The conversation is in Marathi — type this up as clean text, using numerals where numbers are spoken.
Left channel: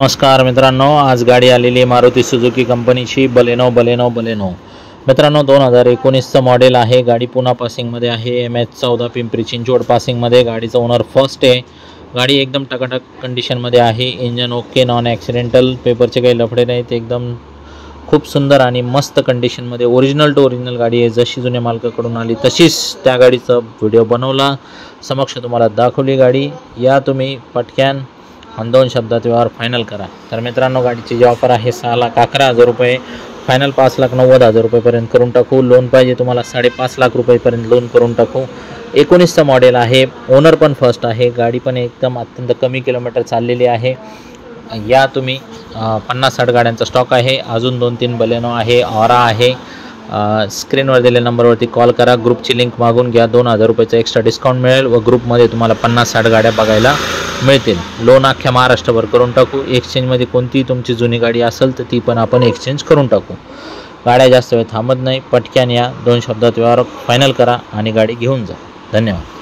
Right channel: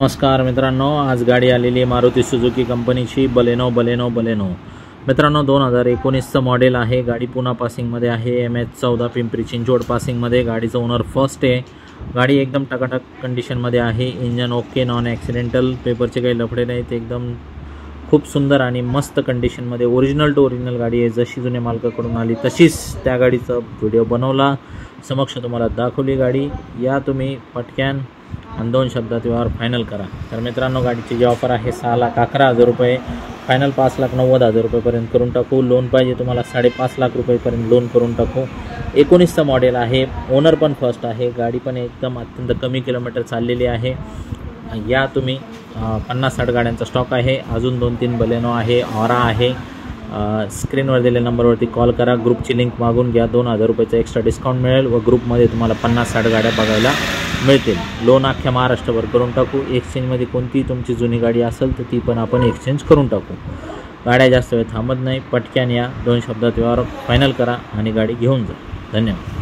नमस्कार मित्रांनो, आज गाडी आलेली आहे मारुती सुझुकी कंपनीची बलेनो मित्रांनो 2019चं मॉडेल आहे। गाडी पुणा पासिंगमध्ये आहे। MH14 पिंपरी चिंचवड पासिंगमध्ये। गाडीचा ओनर फर्स्ट आहे। गाडी एकदम टकाटक कंडिशनमध्ये आहे। इंजन ओके, नॉन ॲक्सिडेंटल, पेपरचे काही लफडे नाहीत। एकदम खूप सुंदर आणि मस्त कंडिशनमध्ये ओरिजिनल टू ओरिजिनल गाडी आहे। जशी जुन्या मालकाकडून आली तशीच त्या गाडीचा व्हिडिओ बनवला, समक्ष तुम्हाला दाखवली गाडी। या तुम्ही पटक्यान आणि 2 शब्दात व्यवहार फायनल करा। तर मित्रांनो, गाडीची जी ऑफर आहे 6,11,000 रुपये, फायनल 5,90,000 रुपयेपर्यंत करून टाकू। लोन पाहिजे तुम्हाला 5.5 लाख रुपयेपर्यंत लोन करून टाकू। 19चं मॉडेल आहे। ओनर पण फर्स्ट आहे। गाडी पण एकदम अत्यंत कमी किलोमीटर चाललेली आहे। या तुम्ही 50-60 गाड्यांचा स्टॉक आहे। अजून 2-3 बलेनो आहे, ऑरा आहे। स्क्रीनवर दिलेल्या नंबरवरती कॉल करा। ग्रुपची लिंक मागून घ्या। 2,000 रुपयाचा एक्स्ट्रा डिस्काउंट मिळेल व ग्रुपमध्ये तुम्हाला 50-60 गाड्या बघायला मिळतील। लोन अख्ख्या महाराष्ट्रभर करून टाकू। एक्सचेंजमध्ये कोणतीही तुमची जुनी गाडी असेल तर ती पण आपण एक्सचेंज करून टाकू। गाड्या जास्त वेळ थांबत नाही, पटक्यान या, 2 शब्दात व्यवहार फायनल करा आणि गाडी घेऊन जा। धन्यवाद।